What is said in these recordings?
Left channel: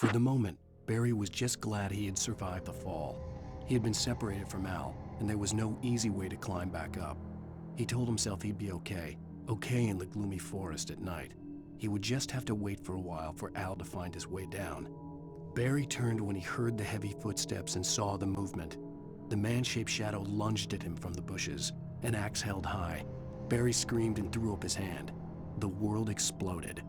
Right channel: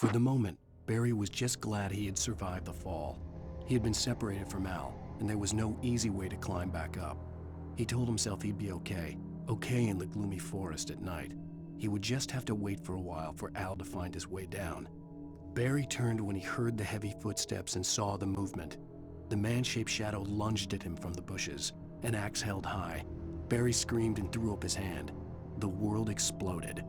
For the moment, Barry was just glad he had survived the fall. He had been separated from Al, and there was no easy way to climb back up. He told himself he'd be okay in the gloomy forest at night. He would just have to wait for a while for Al to find his way down. Barry turned when he heard the heavy footsteps and saw the movement. The man-shaped shadow lunged at him from the bushes, an axe held high. Barry screamed and threw up his hand. The world exploded.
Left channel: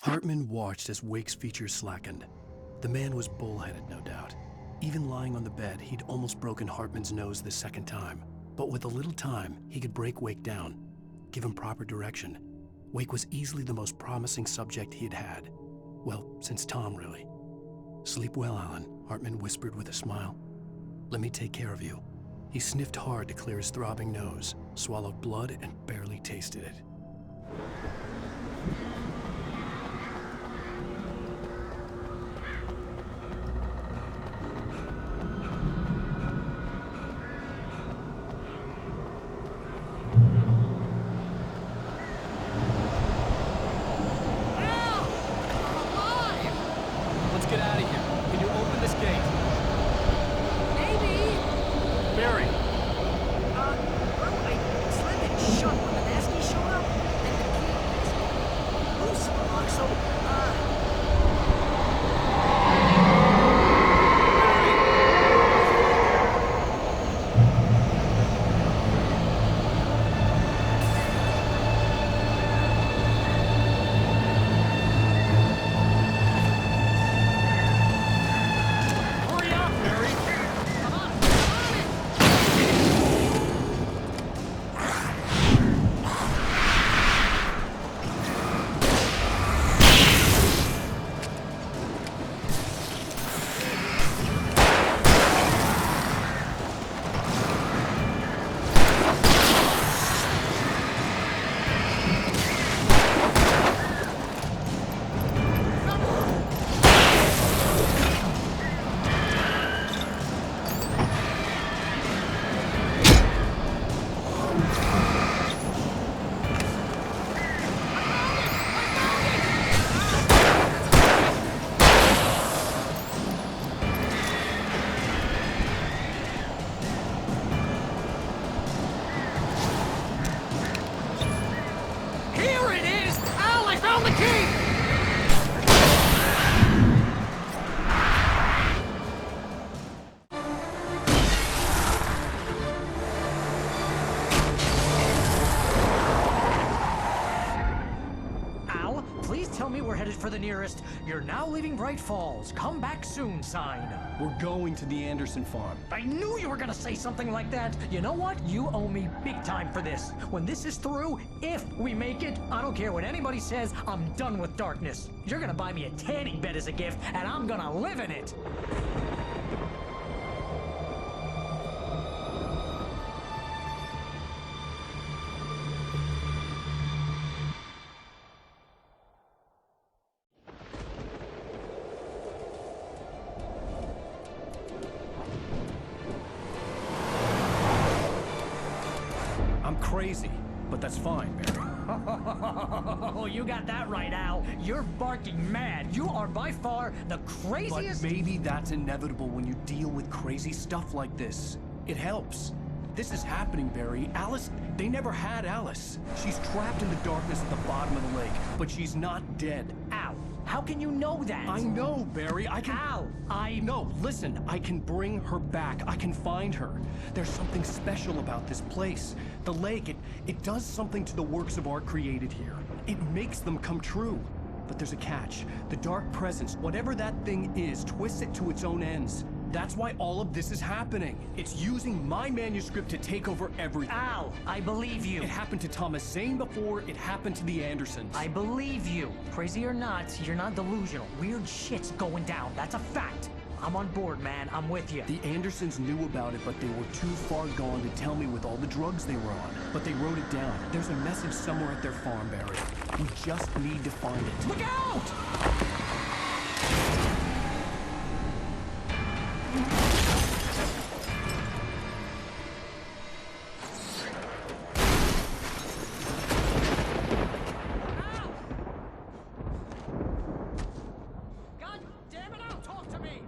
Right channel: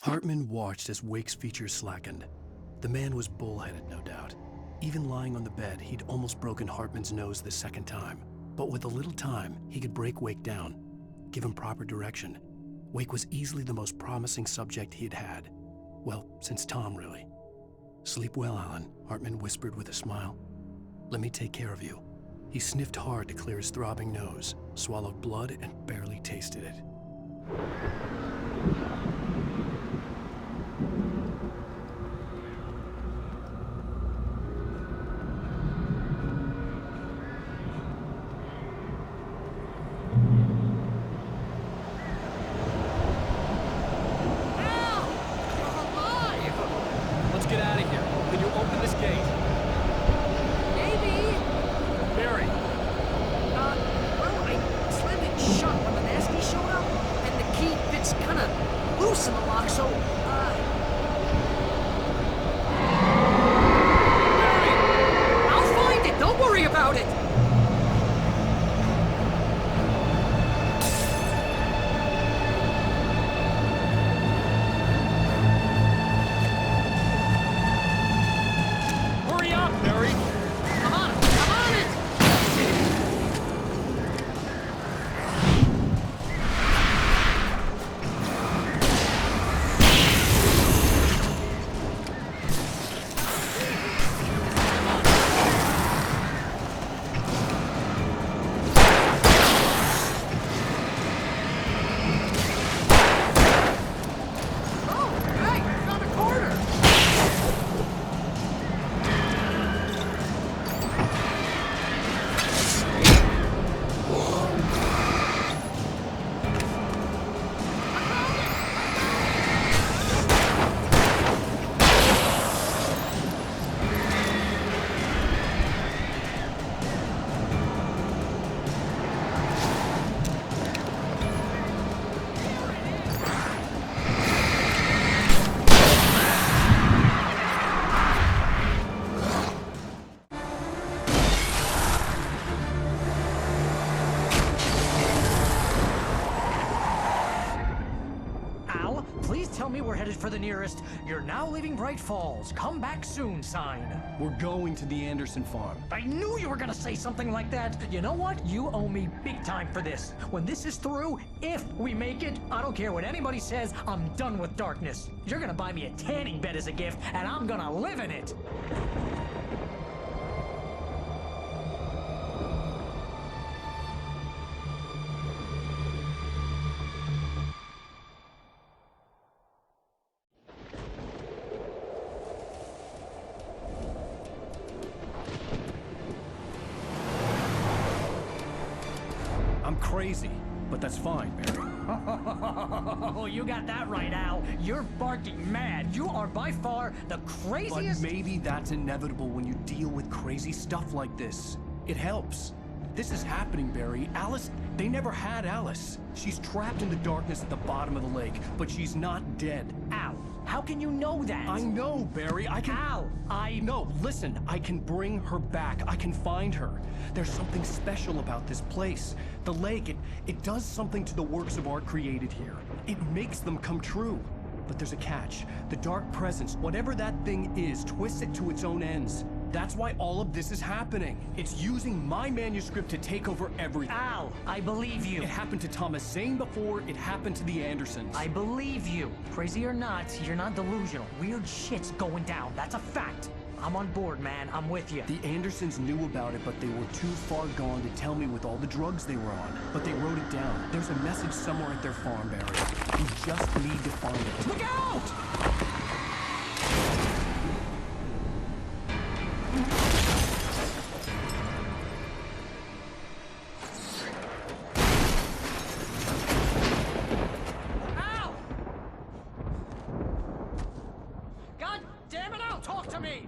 Hartman watched as Wake's features slackened. The man was bullheaded, no doubt. Even lying on the bed, he'd almost broken Hartman's nose the second time. But with a little time, he could break Wake down, give him proper direction. Wake was easily the most promising subject he'd had. Well, since Tom, really. "Sleep well, Alan," Hartman whispered with a smile. "Let me take care of you." He sniffed hard to clear his throbbing nose, swallowed blood, and barely tasted it. Let's get out of here. Can you open this gate? Maybe. Barry! Well, I slammed it shut when the nasty showed up, and the key fits kinda loose in the lock, so, Barry! I'll find it, don't worry about it! Hurry up, Barry! Come on it! Tell me we're headed for the nearest "You're now leaving Bright Falls. Come back soon" sign. We're going to the Anderson farm. I knew you were gonna say something like that. You know what? You owe me big time for this. When this is through, if we make it, I don't care what anybody says, I'm done with darkness. You're gonna buy me a tanning bed as a gift, and I'm gonna live in it. crazy, but that's fine, Barry. Oh, you got that right, Al. You're barking mad. You are by far the But craziest. maybe that's inevitable when you deal with crazy stuff like this. It helps. This is happening, Barry. Alice, they never had Alice. She's trapped in the darkness at the bottom of the lake, but she's not dead. Al, how can you know that? I know, Barry. I can... Al, No, listen. I can bring her back. I can find her. There's something special about this place. The lake, it does something to the works of art created here. It makes them come true. But there's a catch. The dark presence, whatever that thing is, twists it to its own ends. That's why all of this is happening. It's using my manuscript to take over everything. Al, I believe you. It happened to Thomas Zane before, it happened to the Andersons. I believe you. Crazy or not, you're not delusional. Weird shit's going down. That's a fact. I'm on board, man. I'm with you. The Andersons knew about it, but they were too far gone to tell me with all the drugs they were on. But they wrote it down. There's a message somewhere at their farm, Barry. We just need to find it. Look out! Al! God damn it, Al, talk to me!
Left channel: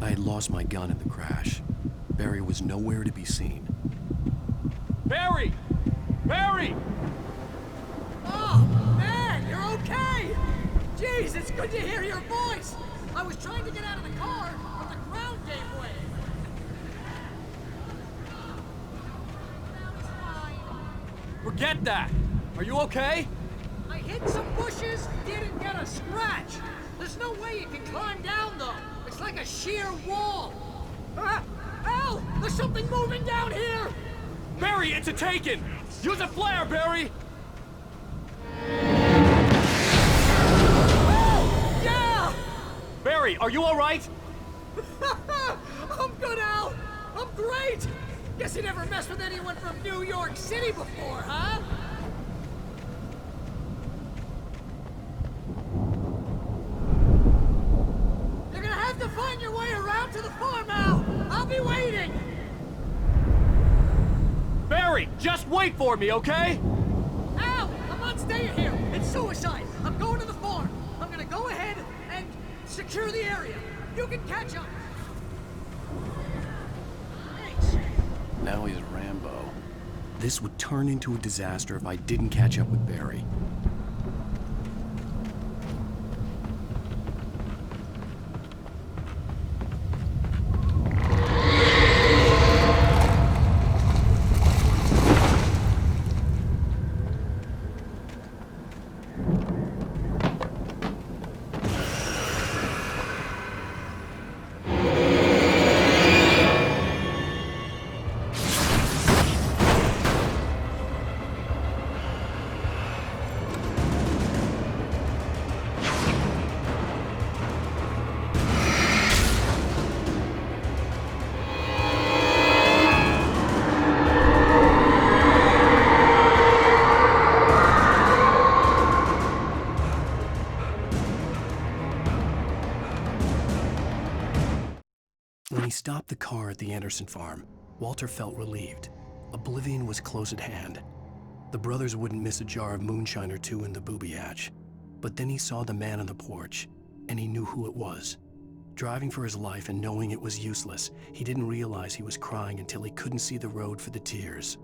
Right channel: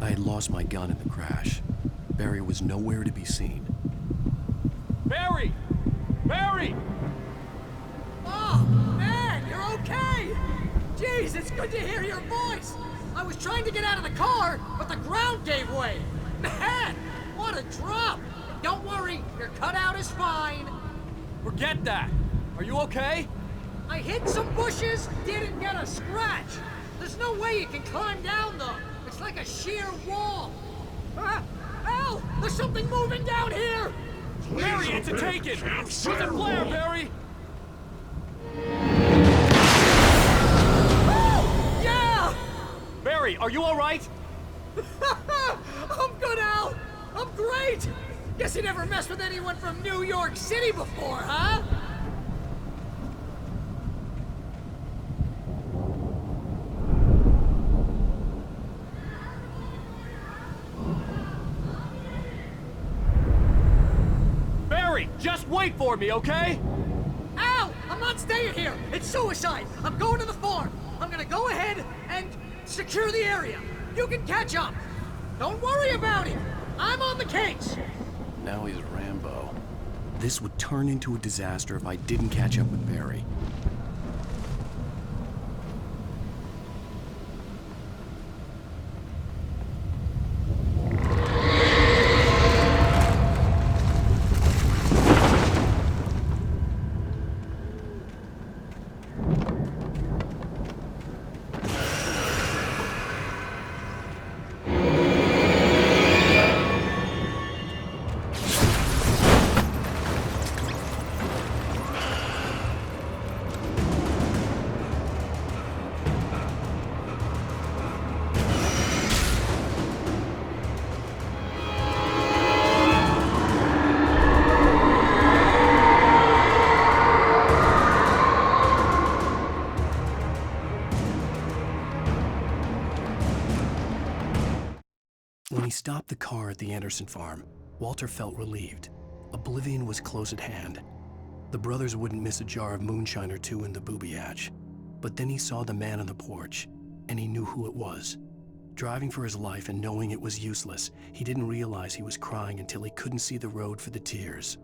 I had lost my gun in the crash. Barry was nowhere to be seen. Barry! Barry! Oh, man, you're okay! Jeez, it's good to hear your voice! I was trying to get out of the car, but the ground gave way! Man, what a drop! Don't worry, your cutout is fine. Forget that! Are you okay? I hit some bushes, didn't get a scratch! There's no way you can climb down, though! It's like a sheer wall! Ah! Al! There's something moving down here! Barry, it's a taken! Use a flare, Barry! Oh! Yeah! Barry, are you alright? I'm good, Al! I'm great! Guess you never messed with anyone from New York City before, huh? You're gonna have to find your way around to the farm, Al! I'll be waiting! Barry, just wait for me, okay? Al! I'm not staying here! It's suicide! I'm going to the farm! I'm gonna go ahead and secure the area! You can catch up! Don't worry about it! I'm on the case! Now he's Rambo. This would turn into a disaster if I didn't catch up with Barry. When he stopped the car at the Anderson farm, Walter felt relieved. Oblivion was close at hand. The brothers wouldn't miss a jar of moonshine or two in the booby hatch. But then he saw the man on the porch, and he knew who it was. Driving for his life and knowing it was useless, he didn't realize he was crying until he couldn't see the road for the tears.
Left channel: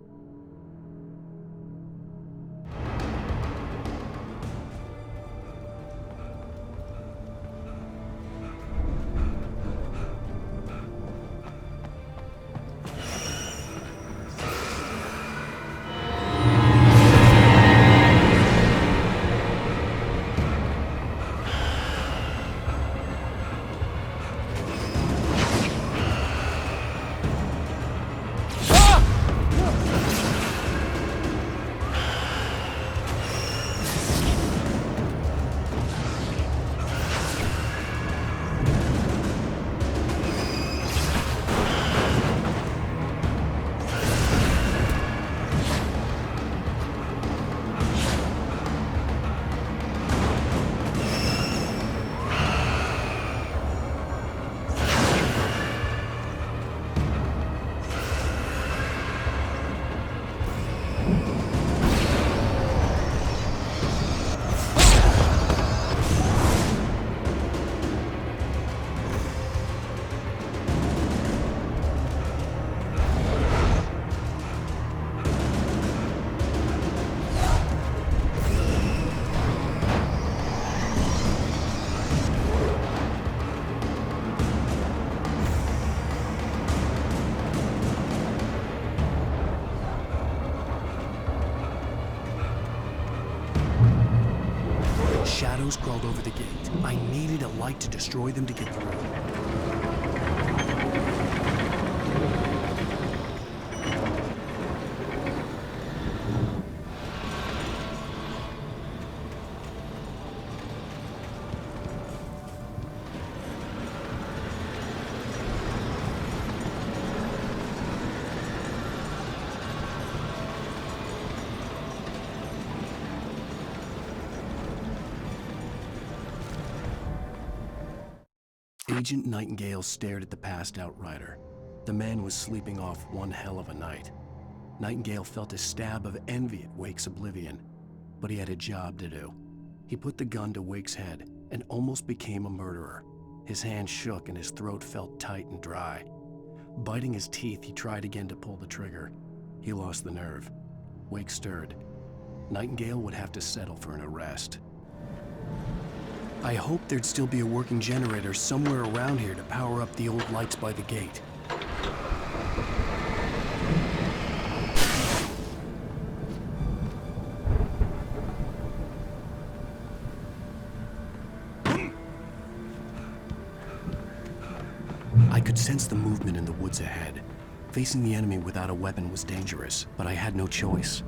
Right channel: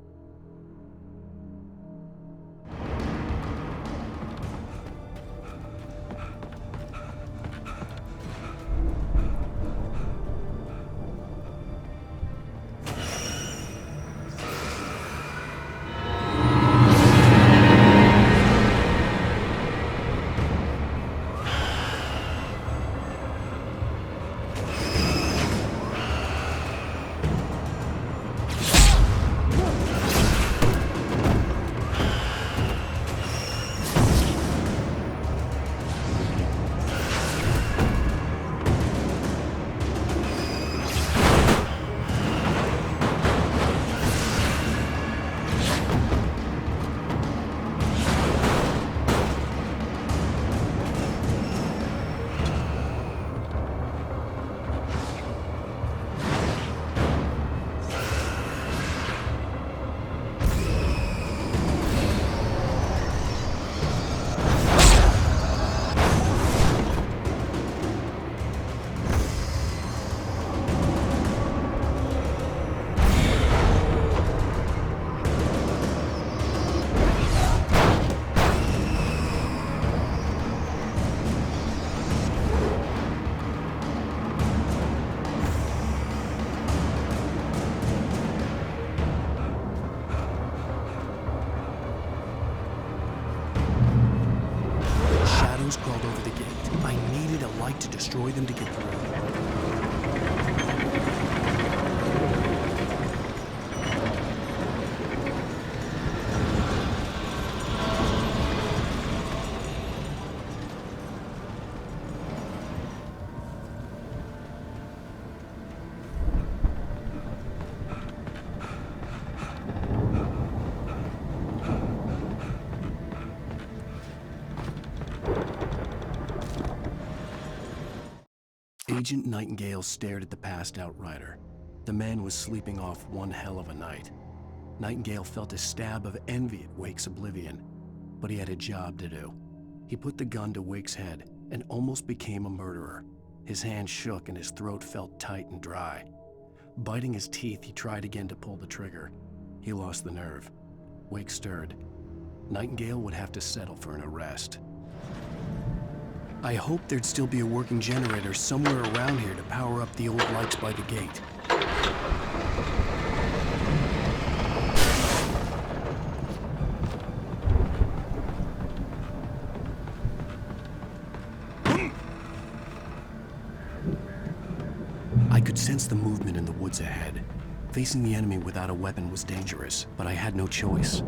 Shadows crawled over the gate. I needed a light to destroy them to get through. Agent Nightingale stared at the passed out rider. The man was sleeping off one hell of a night. Nightingale felt a stab of envy at Wake's oblivion, but he had a job to do. He put the gun to Wake's head and almost became a murderer. His hand shook and his throat felt tight and dry. Biting his teeth, he tried again to pull the trigger. He lost the nerve. Wake stirred. Nightingale would have to settle for an arrest. I hoped there'd still be a working generator somewhere around here to power up the old lights by the gate. I could sense the movement in the woods ahead. Facing the enemy without a weapon was dangerous, but I had no choice.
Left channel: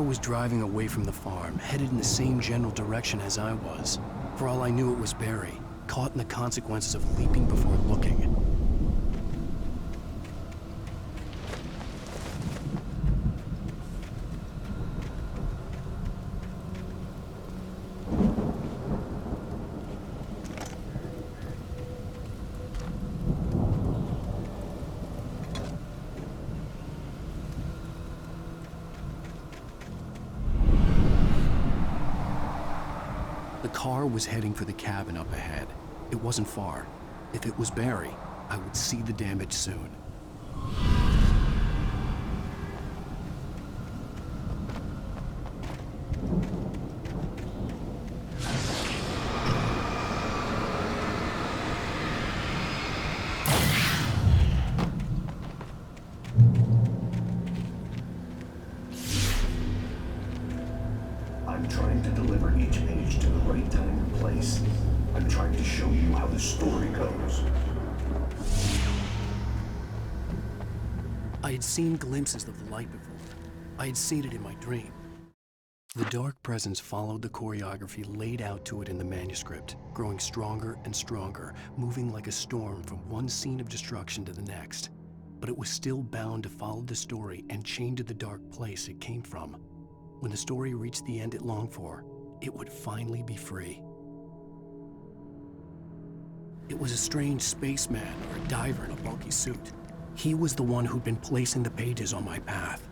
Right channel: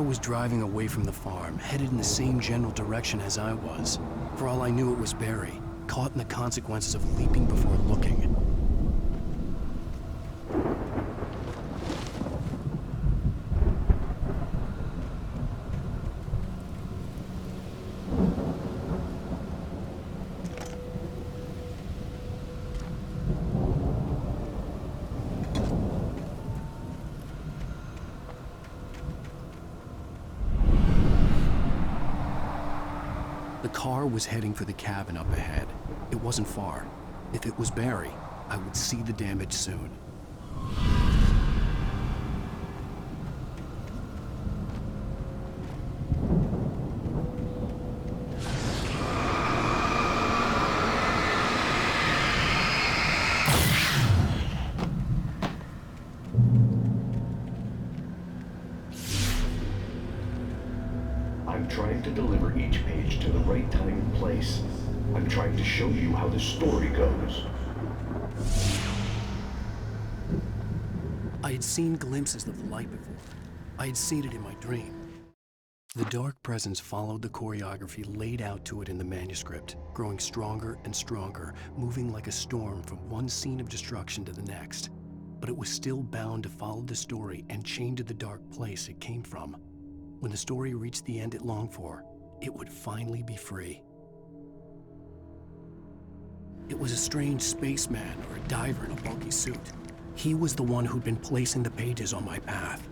Was driving away from the farm, headed in the same general direction as I was. For all I knew, it was Barry, caught in the consequences of leaping before looking. The car was heading for the cabin up ahead. It wasn't far. If it was Barry, I would see the damage soon. I'm trying to deliver each page to the right time and place. I'm trying to show you how the story goes. I had seen glimpses of the light before. I had seen it in my dream. The dark presence followed the choreography laid out to it in the manuscript, growing stronger and stronger, moving like a storm from one scene of destruction to the next. But it was still bound to follow the story and chained to the dark place it came from. When the story reached the end it longed for, it would finally be free. It was a strange spaceman or a diver in a bulky suit. He was the one who'd been placing the pages on my path.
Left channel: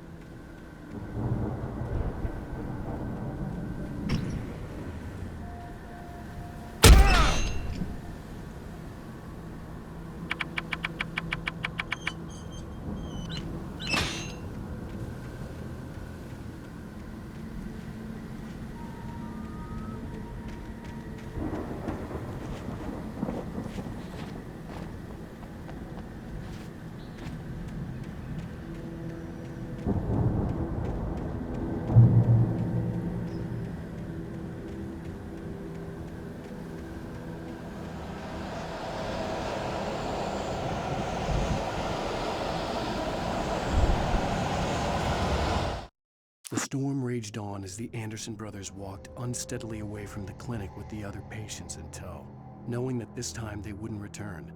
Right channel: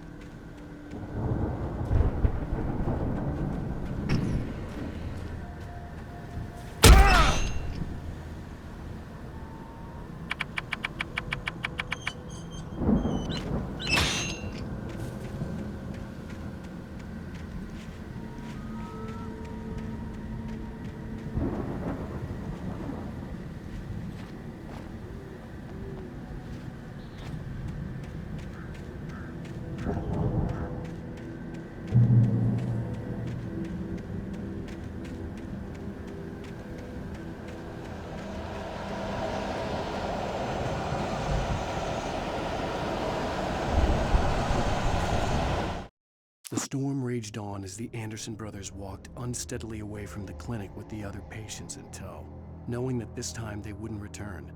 The storm raged on as the Anderson brothers walked unsteadily away from the clinic with the other patients in tow, knowing that this time they wouldn't return.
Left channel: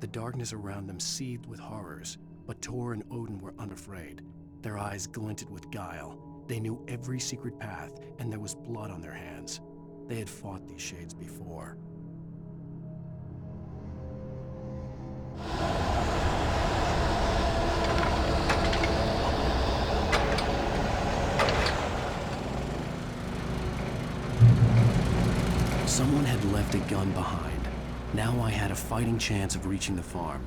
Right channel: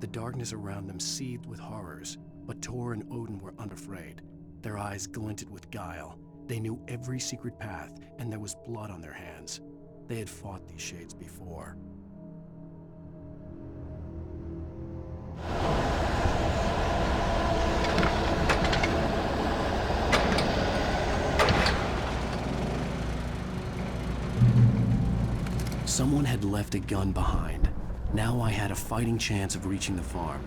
The darkness around them seethed with horrors, but Tor and Odin were unafraid. Their eyes glinted with guile. They knew every secret path, and there was blood on their hands. They had fought these shades before. Someone had left a gun behind. Now I had a fighting chance of reaching the farm.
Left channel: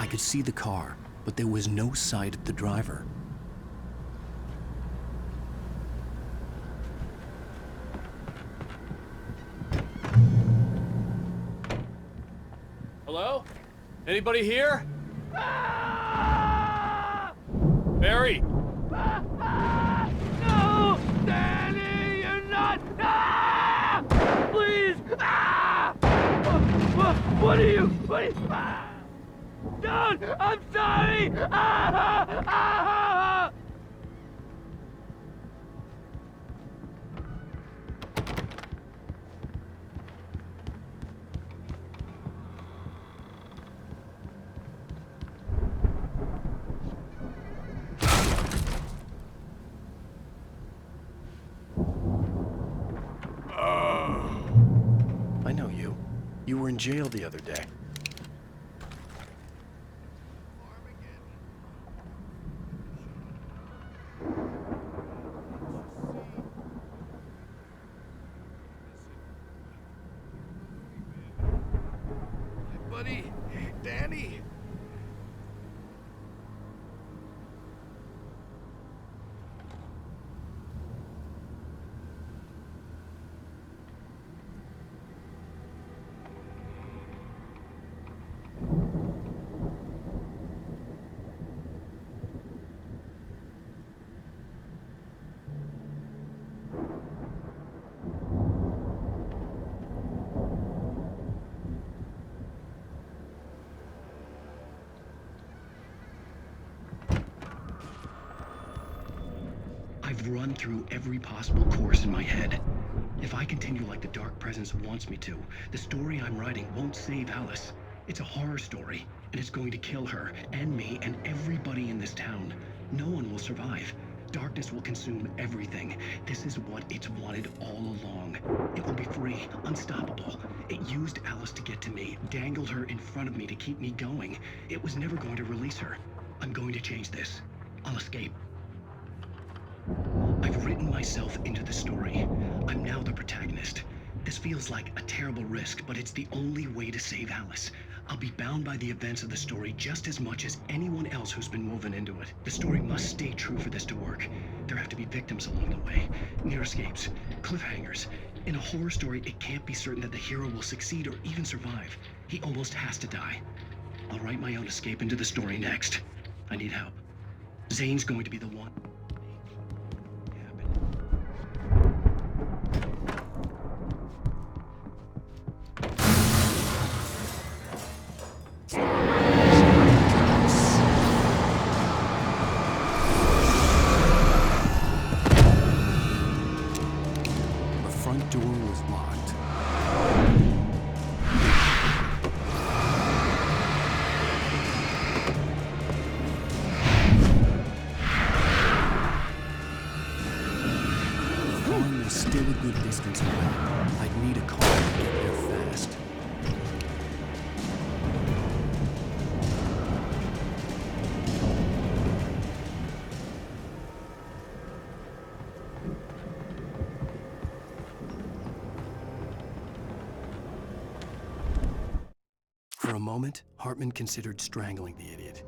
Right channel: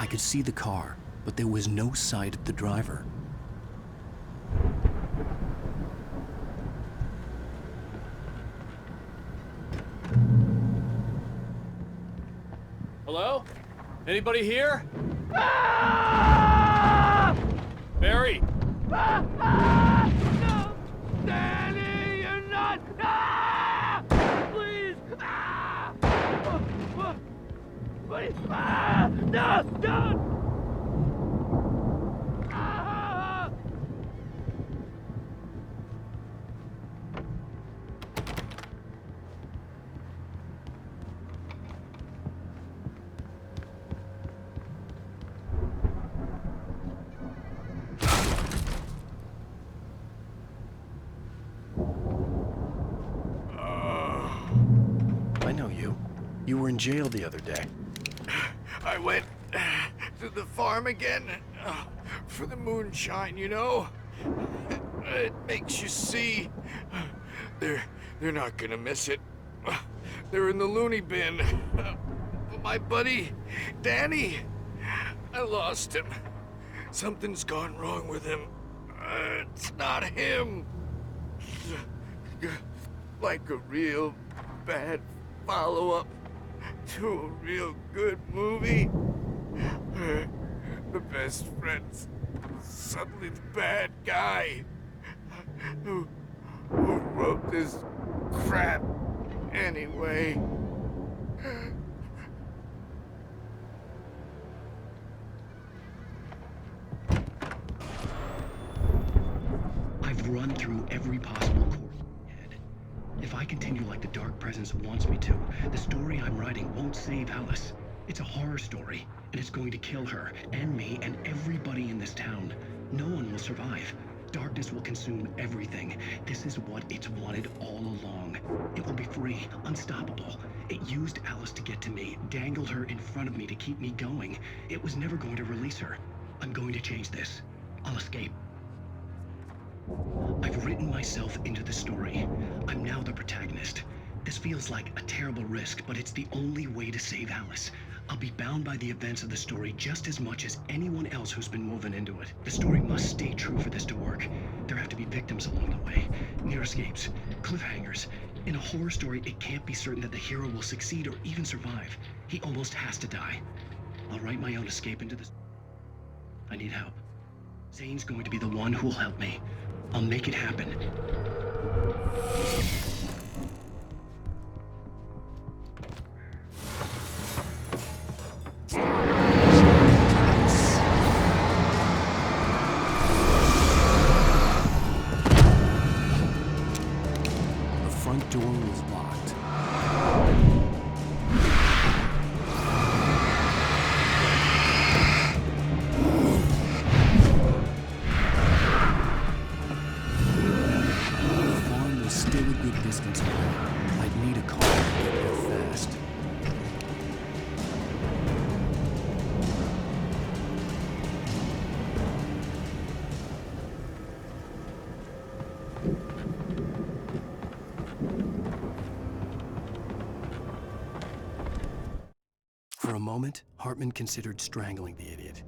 I could see the car, but there was no sight of the driver. Hello? Anybody here? Barry! No! Danny, you're not! Please! What are you? No! Don't! I'm sorry! I know you. You were in jail the other day. I went to the farm again for the moonshine, you know? It makes you see. They're not gonna miss it. They're in the loony bin. My buddy, Danny, I lost him. Something's gone wrong with him. It's not him. Like a real bad follow-up to a real good movie. The best friend's suddenly the bad guy who wrote this crap anyway. I've run through every possible course in my head. If I continue like the Dark Presence wants me to, the story I'm writing won't save Alice. It's a horror story, and it's going to kill her, and me, and everybody in this town. No one will survive. Darkness will consume everything. This is what it's wanted all along. It will be free, unstoppable. It used Alice to get to me, dangled her in front of me to keep me going. It was never going to release her. I'm going to change this. I'll escape. I've written myself into the story. I'm now the protagonist. This feels like a terrible risk, but it's the only way to save Alice. I'll be bound by the events of the story just as much as anyone else who's been woven into it. The story must stay true for this to work. There have to be victims along the way, near escapes, cliffhangers. In a horror story, it can't be certain that the hero will succeed or even survive. He almost has to die. I'll write my own escape into the story next. I need help. Zane's going to be the one who'll help me. I'll make it happen. The front door was locked. The farm was still a good distance away. I'd need a car to get there fast. For a moment, Hartman considered strangling the idiot.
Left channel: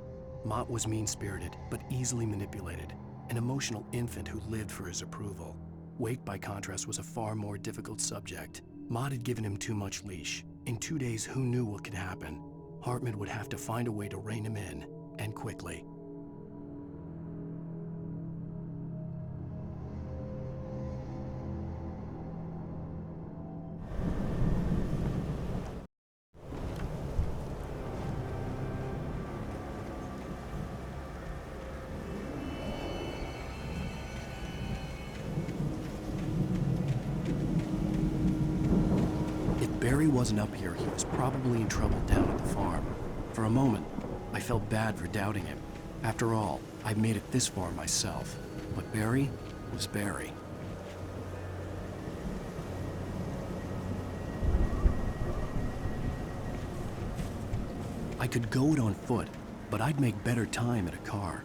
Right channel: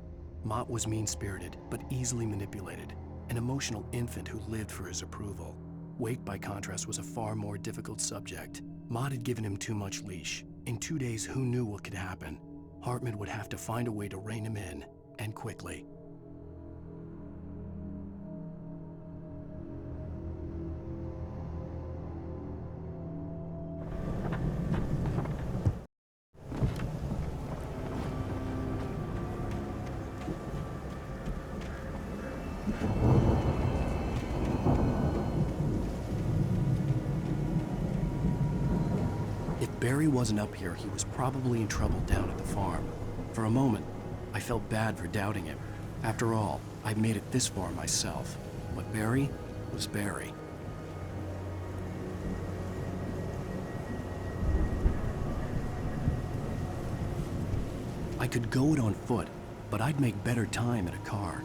Mott was mean-spirited, but easily manipulated, an emotional infant who lived for his approval. Wake, by contrast, was a far more difficult subject. Mott had given him too much leash. In 2 days, who knew what could happen? Hartman would have to find a way to rein him in, and quickly. If Barry wasn't up here, he was probably in trouble down at the farm. For a moment, I felt bad for doubting him. After all, I'd made it this far myself. But Barry was Barry. I could go it on foot, but I'd make better time in a car.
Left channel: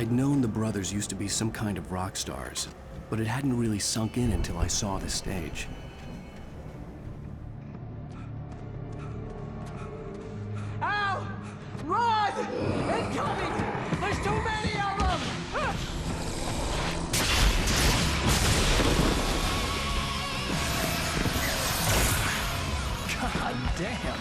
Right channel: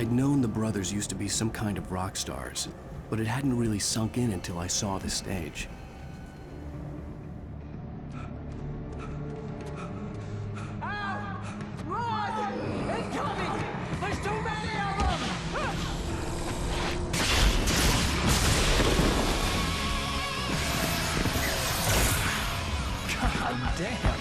I'd known the brothers used to be some kind of rock stars, but it hadn't really sunk in until I saw the stage. Al! Run! Incoming! There's too many of them! God damn.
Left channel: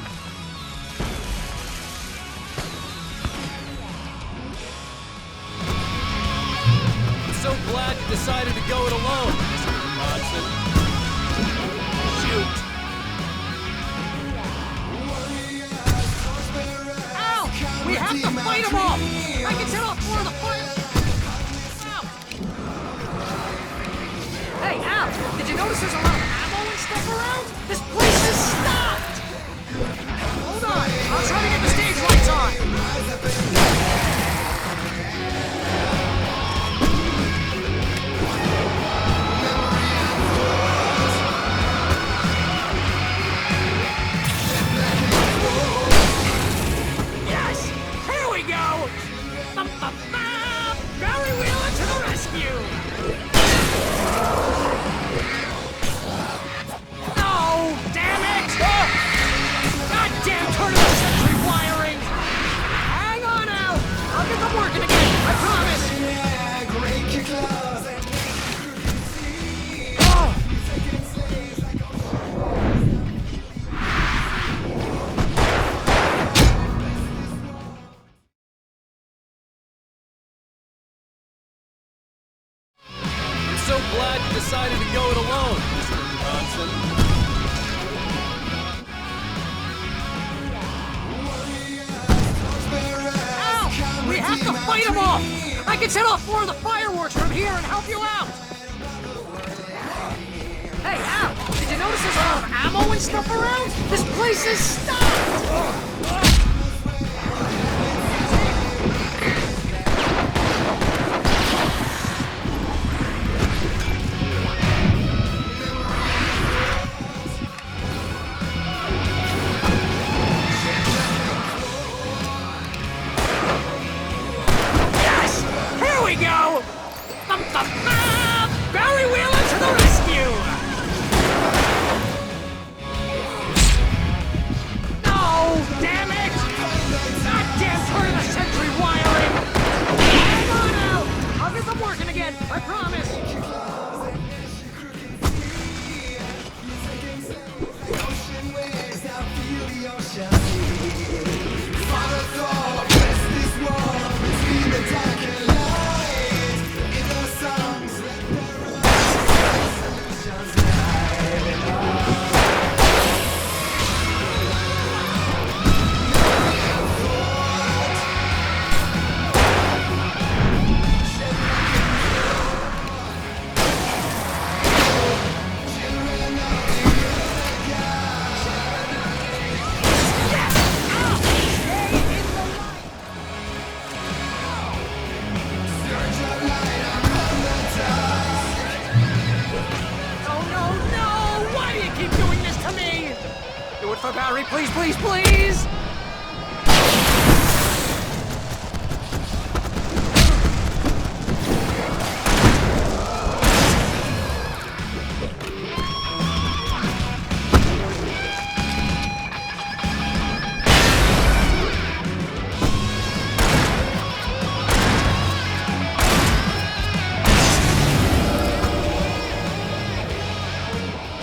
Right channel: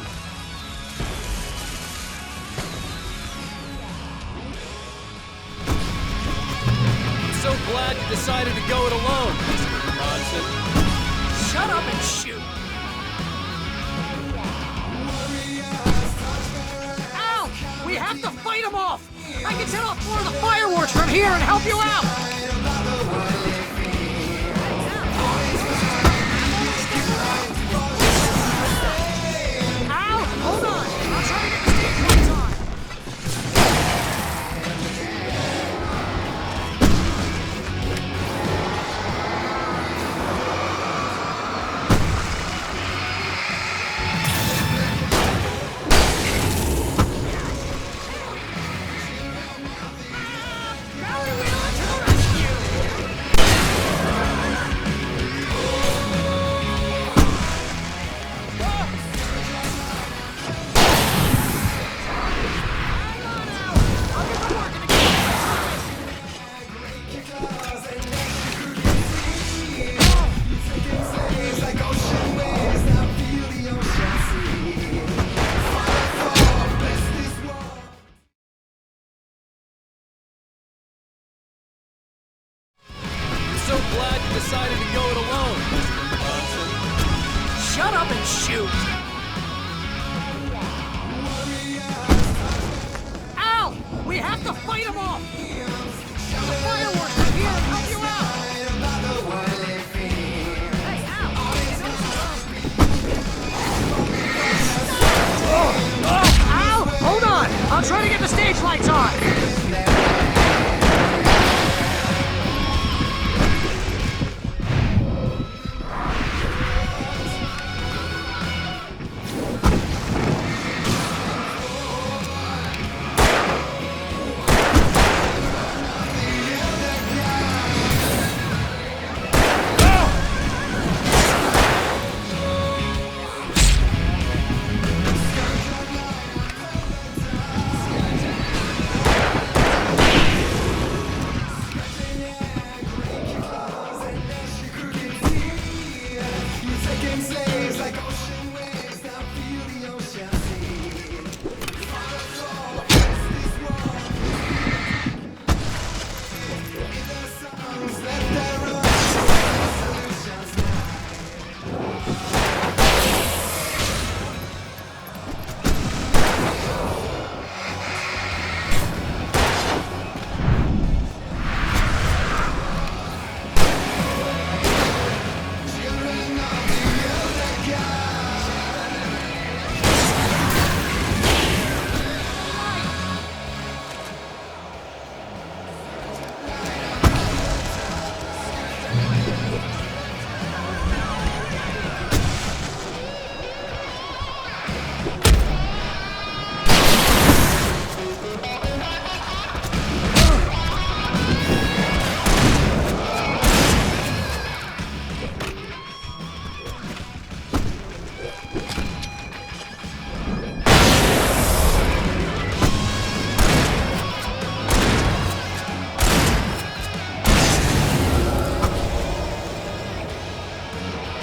I'm so glad you decided to go it alone, Mr. Monson. Shut up and shoot! Al! We have to fight them off! I can set off more of the fireworks from here and help you out! Hey, Al! Did you notice there's a lot of ammo and stuff around? This place is stocked! Al, hold on! I'll try to get the stage lights on! Yes! Here we go! Barry Wheeler to the rescue! Oh, damn it! Goddamn turtle firing! Hang on out! I'll get them working again, I promise! I'm so glad you decided to go it alone, Mr. Monson. Shut up and shoot! Al! We have to fight them off! I can set off more of the fireworks from here and help you out! Hey, Al! Did you notice there's a lot of ammo and stuff around? This place is stocked! Al! Hold on! I'm trying to get the stage lights on! Here we go! Barry Wheeler to the rescue! Oh, damn it! Goddamn turn the century wire! I'll get them working again, I promise! Oh no, no! Why do you keep doing this to me? Do it for Barry, please, please, please!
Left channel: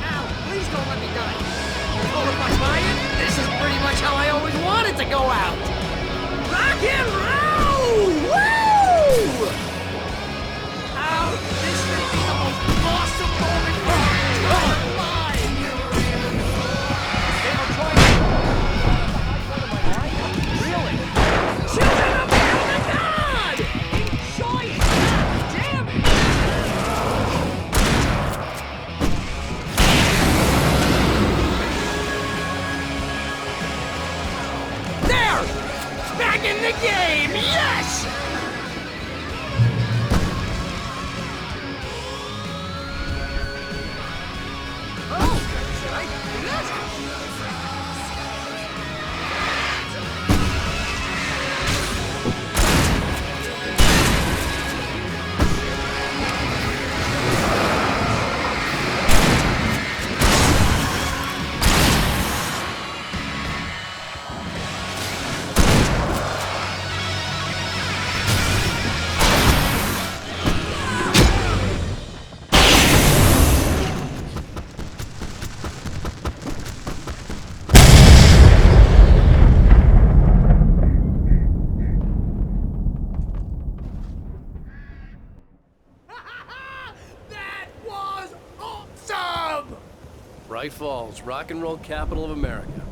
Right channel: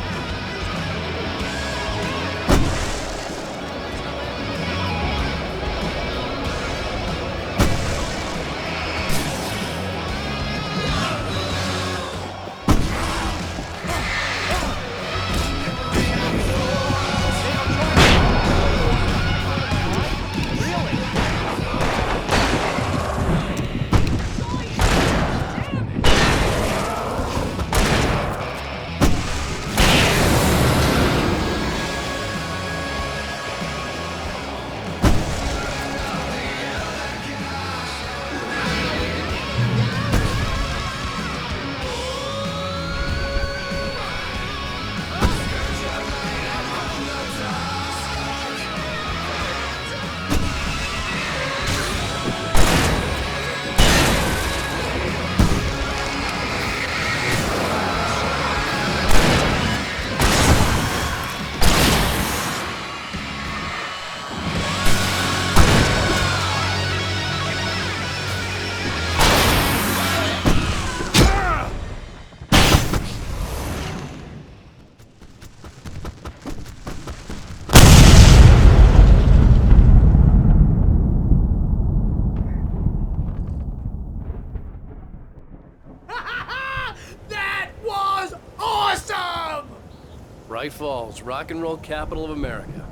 Al, please don't let me die. Oh, if I'm lying, this is pretty much how I always Bright Falls, rock and roll capital of America.